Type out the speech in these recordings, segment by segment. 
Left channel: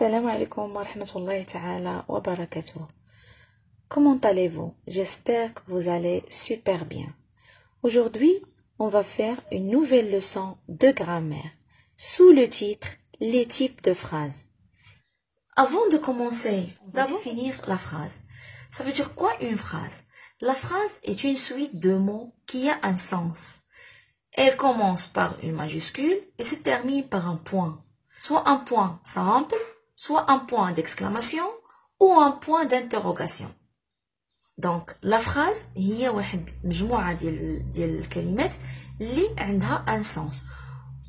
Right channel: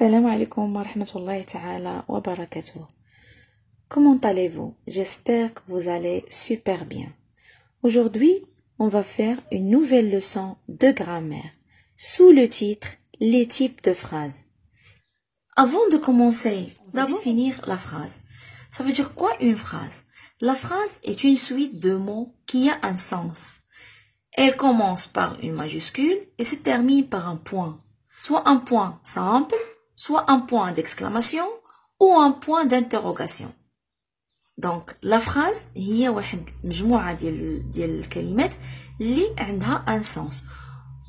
Assalamu alaikum wa rahmatullahi ta'ala wa barakatuh. Comment allez-vous? J'espère que vous allez super bien. Aujourd'hui, on va faire une nouvelle leçon de grammaire sous le titre « Les types de phrases ». Avant de commencer, on va définir la phrase. Ça veut dire quoi une phrase? La phrase est une suite de mots qui a un sens. Elle commence par une majuscule et se termine par un point. Soit un point simple, soit un point d'exclamation ou un point d'interrogation. Donc la phrase هي واحد مجموعة ديال الكلمات اللي عندها un sens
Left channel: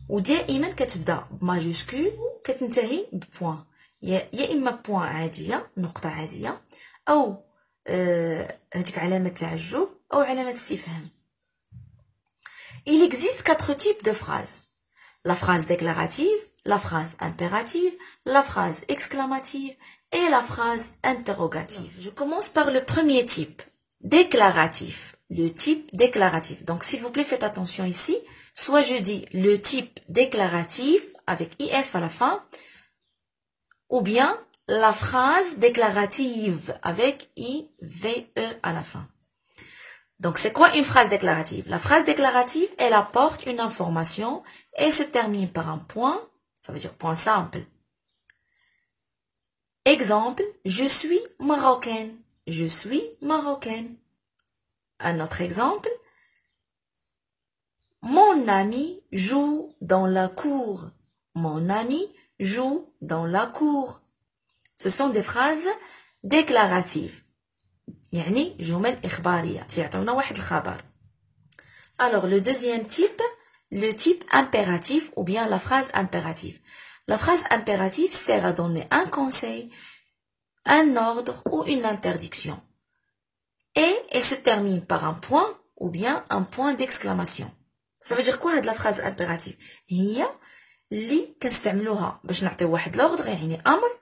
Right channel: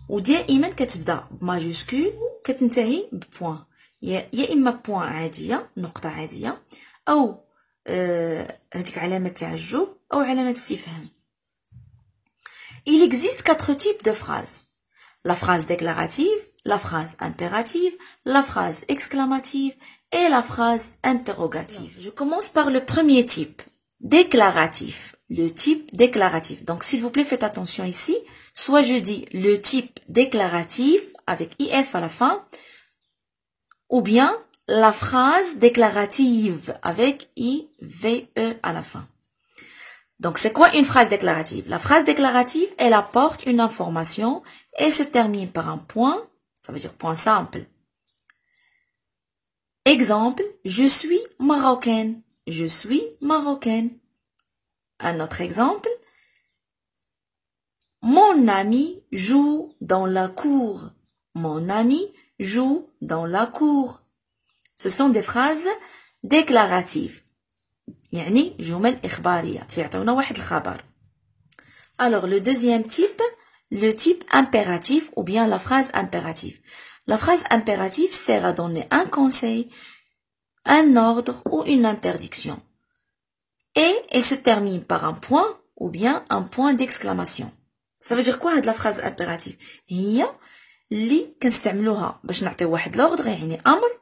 ودائما كتبدا بماجوسكول وكتنتهي ببوان يا اما بوان عادية نقطة عادية او هذيك علامة تعجب او علامة استفهام. Il existe 4 types de phrases. La phrase déclarative, la phrase impérative, la phrase exclamative et la phrase interrogative. Je commence par le premier type, déclaratif. Le type déclaratif. Donc, s'il vous plaît, faites attention ici. Soit je dis le type déclaratif avec IF à la fin, ou bien la phrase déclarative avec IVE à la fin. Donc, c'est quoi une phrase déclarative? La phrase déclarative, elle apporte une information et se termine par un point, ça veut dire point simple. Exemple, je suis marocaine. Je suis marocaine. Un autre exemple, mon ami joue dans la cour. Mon ami joue dans la cour. Ce sont des phrases déclaratives. يعني جمل إخبارية تعطيونا واحد الخبر. Alors le deuxième type, le type impératif ou bien la phrase impérative. La phrase impérative sert à donner un conseil, un ordre ou une interdiction. Et elle se termine par un point ou bien un point d'exclamation. Ça veut dire quoi هاد la phrase impérative? هي اللي كنستعملوها باش نعطيو واحد l'ordre يعني أمر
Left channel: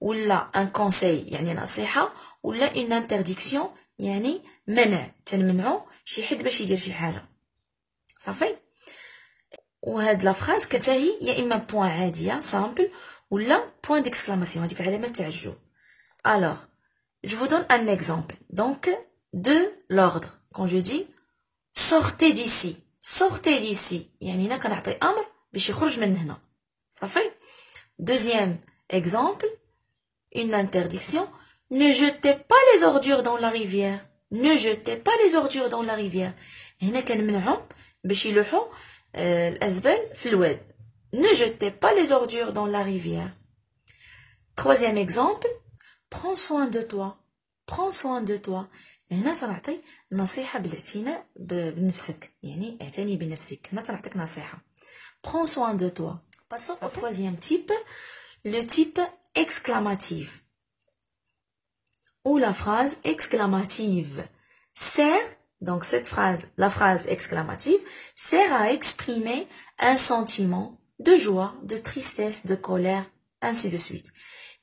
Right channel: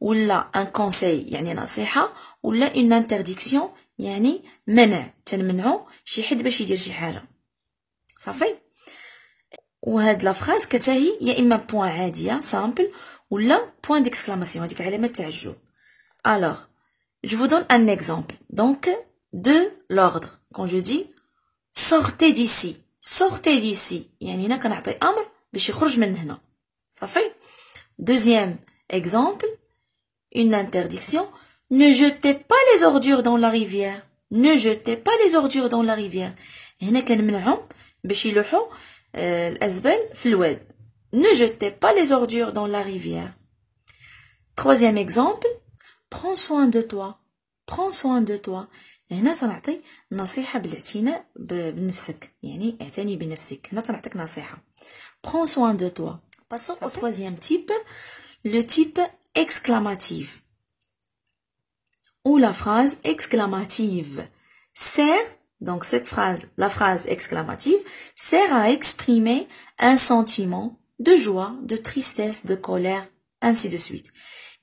ولا un conseil يعني نصيحة ولا une interdiction يعني منع تنمنعو شي حد باش يدير شي حاجة صافي. وهاد لا فراز كتاهي يا اما بوين عادية سامبل ولا بوين ديكسكلاماسيون هذيك علامة تعجب. Alors je vous donne un exemple donc de l'ordre. Quand je dis sortez d'ici, sortez d'ici يعني هنا كنعطي امر باش يخرج من هنا صافي. Deuxième exemple, une interdiction, ne jetez pas les ordures dans la rivière. Ne jetez pas les ordures dans la rivière. هنا كنمنعهم باش يلوحوا الأزبال في الواد. Ne jetez pas les ordures dans la rivière. Troisième exemple, prends soin de toi. Prends soin de toi. هنا سنعطي نصيحة بالاعتناء بنفسك يعني اعتني بنفسك. هنا سنعطيك نصيحة. Prends soin de toi. Passons au troisième type, le type exclamatif ou la phrase exclamative sert, donc cette phrase, la phrase exclamative sert à exprimer un sentiment de joie, de tristesse, de colère, ainsi de suite.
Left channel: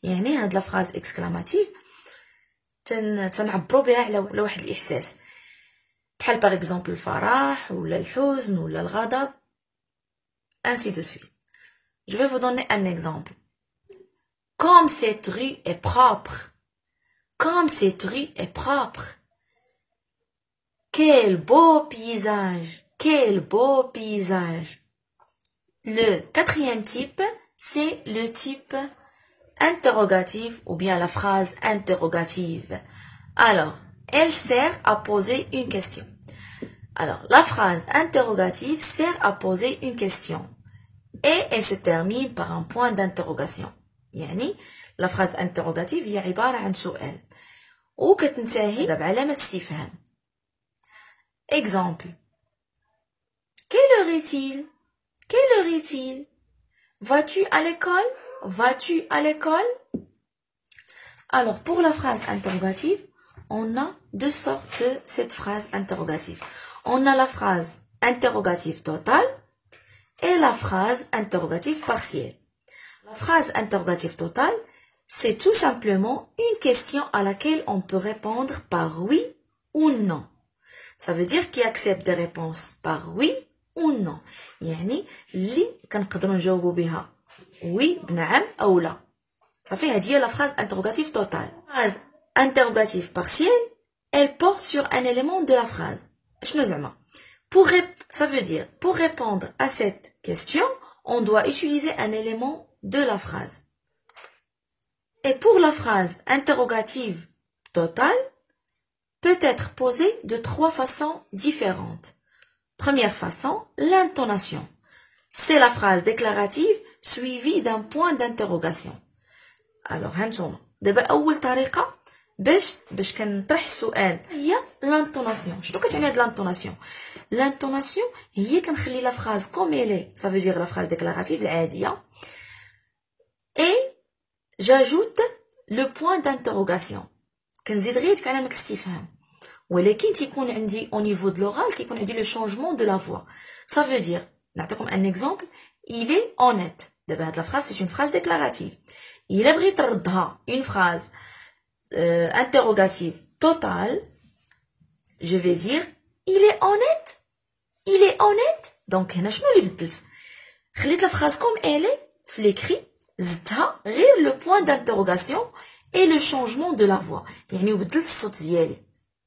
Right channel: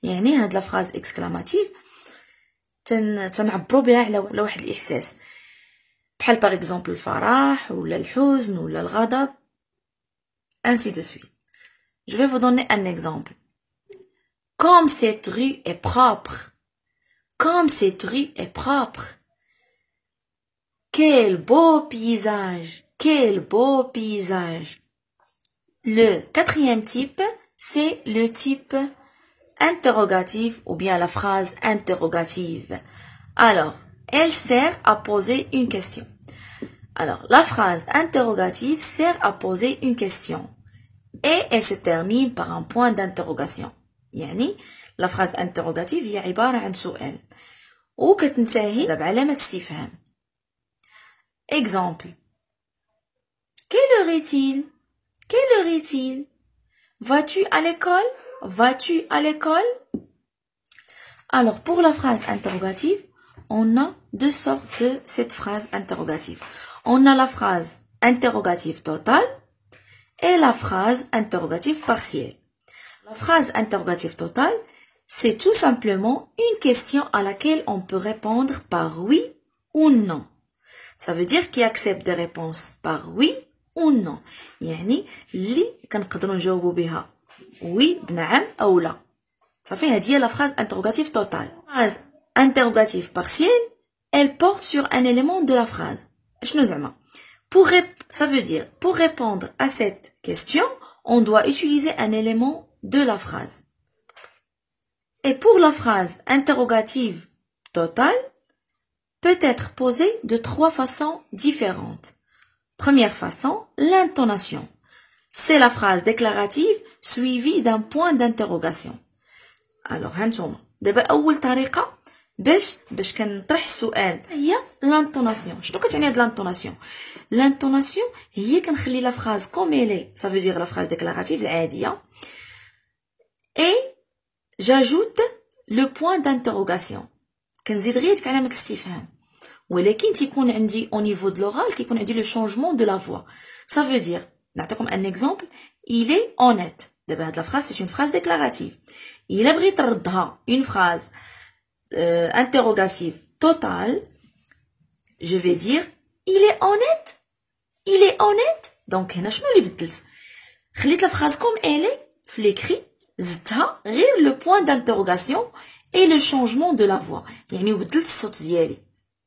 يعني هاد la phrase exclamative تنعبروا بها على واحد الإحساس بحال par exemple الفرح ولا الحزن ولا الغضب ainsi de suite. Je vais vous donner un exemple. Comme cette rue est propre. Comme cette rue est propre. Quel beau paysage. Quel beau paysage. Le quatrième type, c'est le type interrogatif ou bien la phrase interrogative. Alors, elle sert à poser une question. Alors, la phrase interrogative sert à poser une question. Et elle se termine par un point d'interrogation. يعني la phrase interrogative هي عبارة عن سؤال وكتنتهي بعلامة استفهام. Exemple. Quelle heure est-il? Quelle heure est-il? Vas-tu à l'école? Vas-tu à l'école? Alors pour la phrase interrogative, on a deux sortes de cette phrase interrogative. On a la phrase interrogative totale et la phrase interrogative partielle. La phrase interrogative totale, c'est tout simplement une question à laquelle on peut répondre par oui ou non. Ça veut dire qu'il accepte des réponses par oui ou non. يعني اللي كنقدروا نجاوبوا بها oui بنعم أو لا. Ça fait dire la phrase interrogative totale. La phrase interrogative partielle, elle porte sur un élément de la phrase. Ça veut dire, pour répondre à cette question, on doit utiliser un élément de la phrase. Et pour la phrase interrogative totale, peut être posée de 3 façons différentes. Première façon, l'intonation. C'est la phrase déclarative suivie d'un point d'interrogation. Alors, هانتوما دابا أول طريقة باش كنطرح السؤال هي l'intonation. شنو كتعني هاد l'intonation؟ L'intonation هي كنخلي la phrase comme elle est, ça veut dire la phrase déclarative العادية, et j'ajoute le point d'interrogation. كنزيد غير ديك علامة الاستفهام. ولكن تيكون عندي au niveau de l'oral كيكون عندي le changement de la voix. Ça veut dire, نعطيكم un exemple, il est honnête. دابا هاد la phrase c'est une phrase déclarative. إلا بغيت نردها une phrase interrogative totale, je vais dire il est honnête. Il est honnête. Donc هنا شنو اللي بدلت؟ خليت la phrase comme elle est في l'écrit, زدتها غير le point d'interrogation et le changement de la voix. يعني وبدلت الصوت ديالي.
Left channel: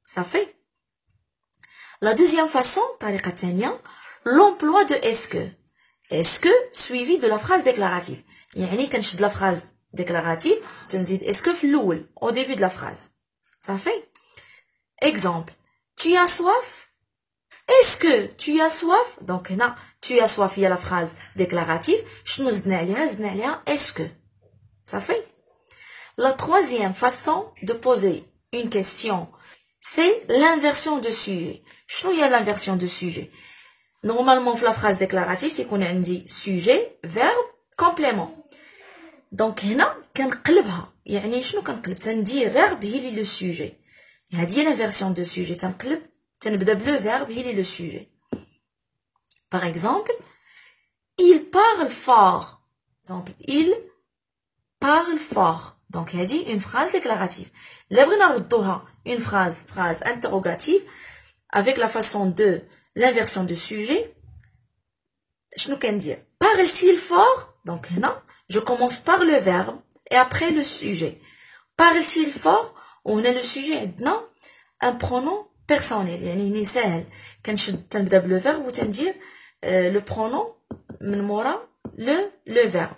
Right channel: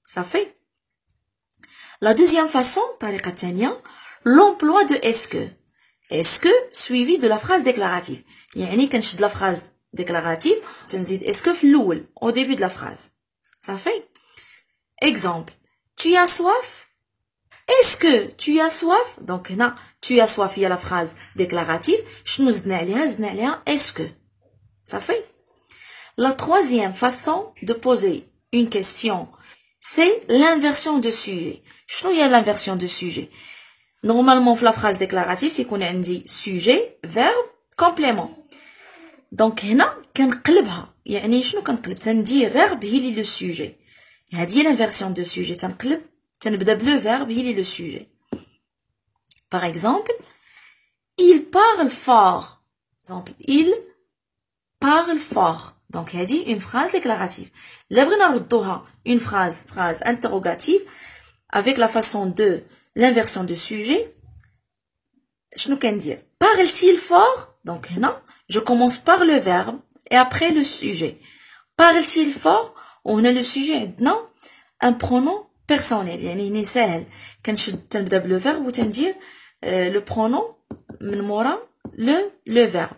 Ça fait. La deuxième façon, طريقة تانية, l'emploi de est-ce que. Est-ce que suivi de la phrase déclarative. يعني كنشد la phrase déclarative, تنزيد est-ce que في الأول, au début de la phrase. Ça fait. Exemple. Tu as soif? Est-ce que tu as soif? Donc هنا tu as soif, il y a la phrase déclarative. شنو زدنا عليها؟ زدنا عليها est-ce que. Ça fait. La troisième façon de poser une question, c'est l'inversion de sujet. شنو هي l'inversion de sujet? Normalement, في la phrase déclarative, c'est qu'on a dit sujet, verbe, complément. Donc هنا كنقلبها. يعني شنو كنقلب؟ تندير verbe هي اللي le sujet. هذه هي l'inversion de sujet. تنبدا بلو verbe هي اللي le sujet. Par exemple, il parle fort. Exemple, il parle fort. Donc هذه une phrase déclarative. Là بغينا نردوها une phrase interrogative avec la façon de l'inversion de sujet. شنو كندير؟ Parle-t-il fort? Donc هنا je commence par le verbe et après le sujet. Parle-t-il fort? On a le sujet عندنا un pronom personnel. يعني هنا ساهل تنبدا بلو verbe وتندير le pronom من مورا le verbe.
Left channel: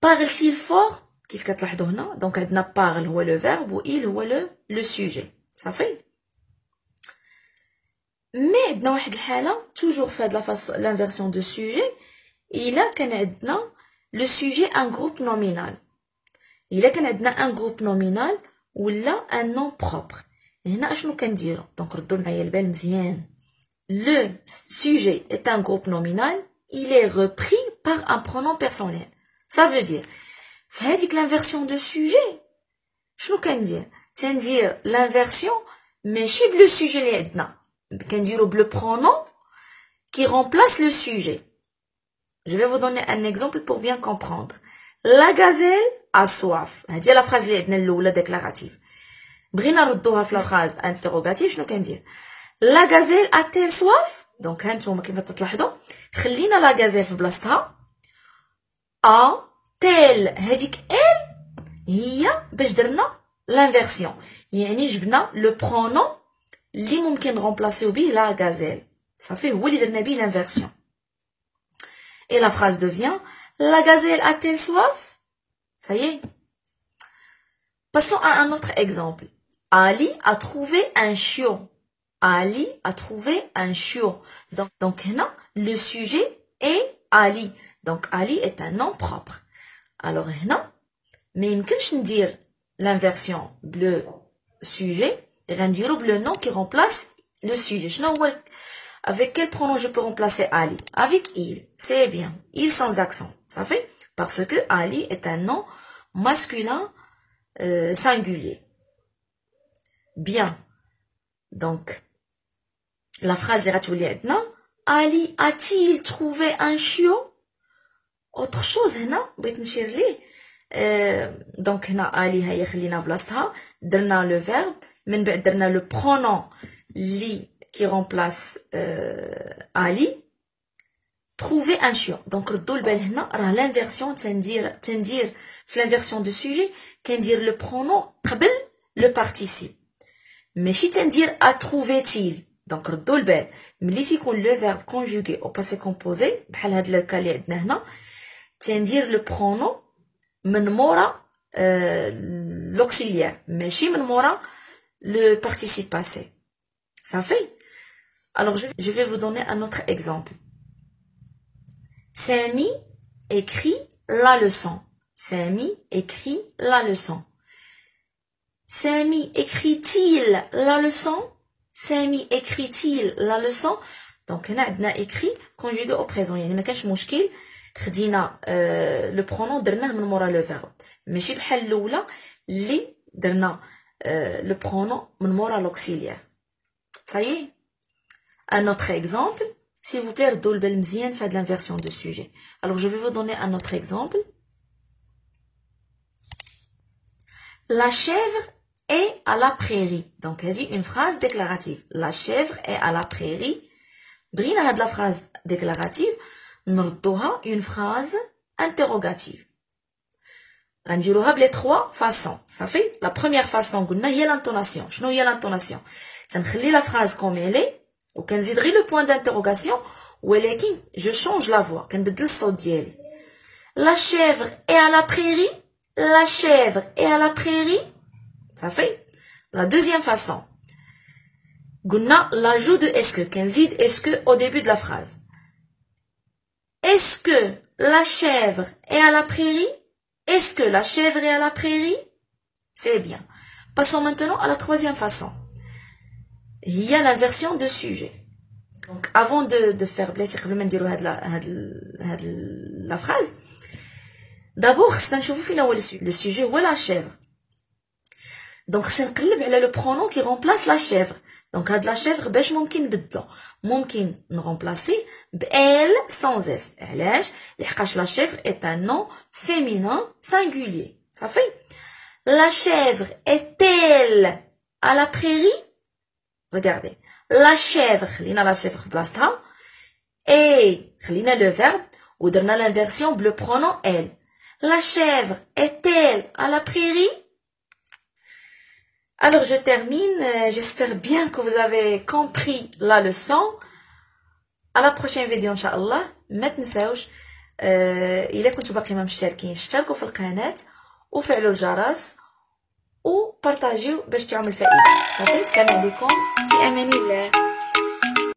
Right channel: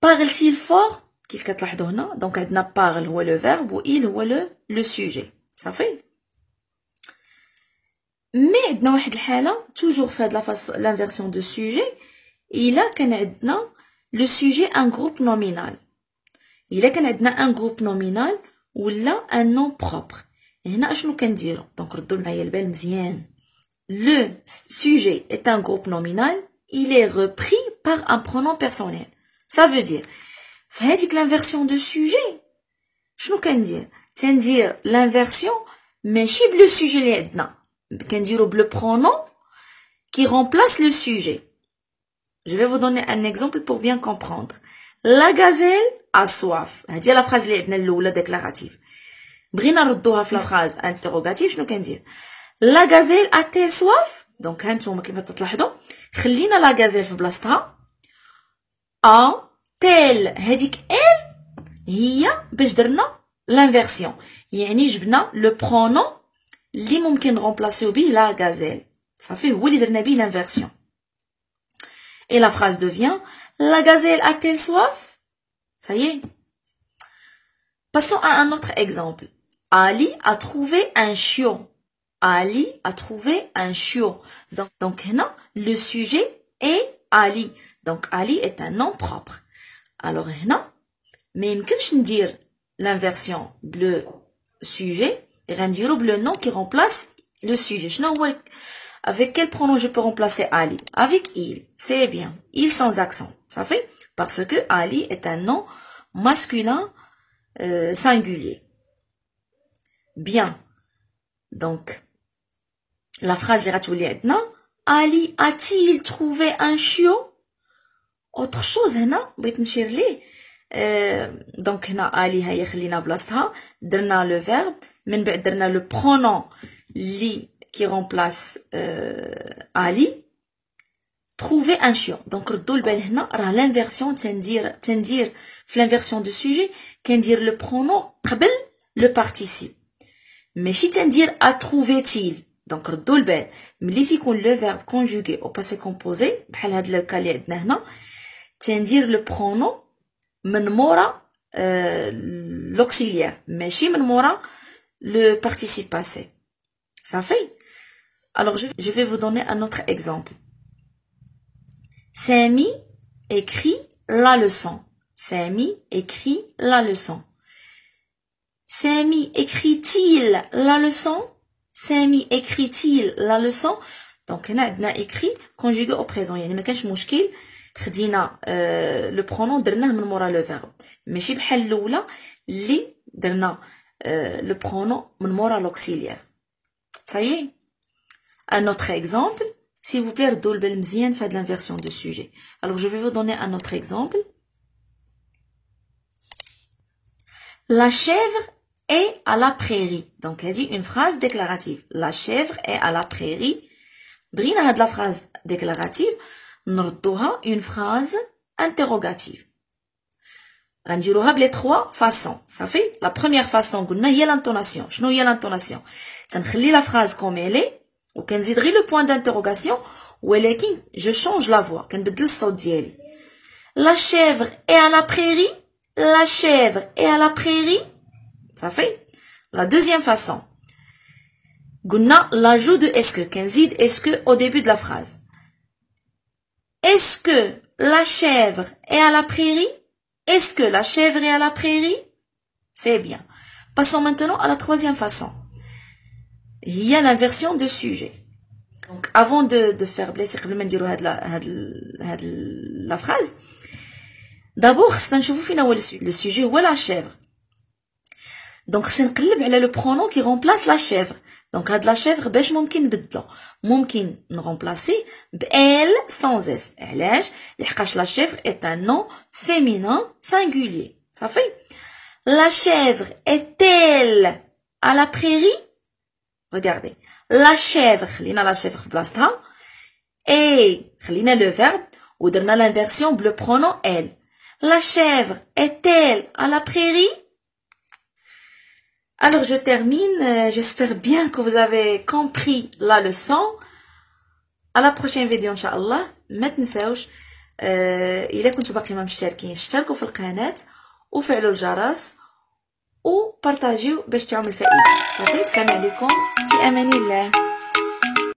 Parle-t-il fort? كيف كتلاحظوا هنا دونك عندنا parle هو le verbe و il هو le sujet. Ça fait. Mais عندنا واحد الحالة toujours في هاد l'inversion de sujet. إلا كان عندنا le sujet un groupe nominal. إلا كان عندنا un groupe nominal ولا un nom propre. هنا اشنو كنديرو؟ دونك ردوا معايا البال مزيان. Le sujet est un groupe nominal. Il est repris par un pronom personnel. Ça veut dire في هذيك l'inversion de sujet شنو كندير؟ تندير l'inversion ماشي بلو sujet اللي عندنا. كنديرو بلو pronom qui remplace le sujet. Je vais vous donner un exemple pour bien comprendre. La gazelle a soif. هذه la phrase اللي عندنا الاولى déclarative. بغينا نردوها في la phrase interrogative شنو كندير؟ La gazelle a-t-elle soif? Donc هانتوما كما تلاحظوا خلينا la gazelle في بلاصتها. a-t-elle هذيك elle هي باش درنا l'inversion. يعني جبنا le pronom اللي ممكن نرمبلاسيو به la gazelle. صافي هو اللي درنا به l'inversion. Et la phrase devient la gazelle a-t-elle soif? Ça y est. Passons à un autre exemple. Ali a trouvé un chiot. Ali a trouvé un chiot. Donc là, le sujet est Ali. Donc Ali est un nom propre. Alors là, mais يمكنش ندير l'inversion bleu sujet et غنديرو bleu nom qui remplace le sujet. شنو هو avec quel pronom je peux remplacer Ali? Avec il. C'est bien. Il sans accent. Ça fait? Parce que Ali est un nom masculin singulier. Bien. Donc, la phrase de Ratiouli maintenant. Ali a-t-il trouvé un chiot? Autre chose, هنا بغيت نشير ليه. Donc, هنا Ali هي خلينا بلاصتها. درنا le verbe. من بعد درنا le pronom li qui remplace Ali. trouver un chien. Donc ردوا البال هنا راه l'inversion تندير في l'inversion de sujet كندير le pronom قبل le participe ماشي تندير a trouvé-il. donc ردوا البال ملي تيكون le verbe conjugué au passé composé بحال هاد الكا اللي عندنا هنا تندير le pronom من مورا l'auxiliaire ماشي من مورا le participe passé. ça fait. alors je vais vous donner un autre exemple. Samy écrit la leçon. Samy écrit la leçon. Samy écrit-il la leçon? Samy écrit-il la leçon? donc هنا عندنا écrit conjugué au présent يعني ما كانش مشكل خدينا le pronom درناه من مورا le verbe ماشي بحال الاولى اللي درنا le pronom من مورا l'auxiliaire. ça y est. un autre exemple. S'il vous plaît, ردوا البال مزيان في هاد l'inversion de sujet. Alors, je vais vous donner un autre exemple. La chèvre est à la prairie. Donc, elle dit une phrase déclarative. La chèvre est à la prairie. بغينا هاد la phrase déclarative نردوها une phrase interrogative. غنديروها بلي 3 façons. صافي. La première façon قلنا هي l'intonation. شنو هي l'intonation؟ تنخلي la phrase comme elle est وكنزيد غير لو بوين d'interrogation ولكن je change la voix كنبدل الصوت ديالي. La chèvre est à la prairie. La chèvre est à la prairie. ça fait. la deuxième façon قلنا l'ajout de est-ce que كنزيد est-ce que au début de la phrase. Est-ce que la chèvre est à la prairie? Est-ce que la chèvre est à la prairie? c'est bien. passons maintenant à la troisième façon. Il y a l'inversion de sujet. Donc, avant de faire la phrase, d'abord, le sujet ou la chèvre. Donc, c'est le pronom qui remplace la chèvre. Donc, la chèvre, ممكن remplacer elle sans s. La chèvre est un nom féminin singulier. Ça fait. La chèvre est-elle à la prairie? Regardez, la chèvre, خلينا la chèvre بلاصتها et خلينا le verbe ودرنا l'inversion le pronom elle. La chèvre est-elle à la prairie? Alors je termine, j'espère bien que vous avez compris la leçon. À la prochaine vidéo inchallah. ما تنساوش إذا كنتوا باقي ما مشتركين اشتركوا في القناة وفعلوا الجرس وبارطاجيو باش تعمل فائدة. صافي. السلام عليكم في امان الله.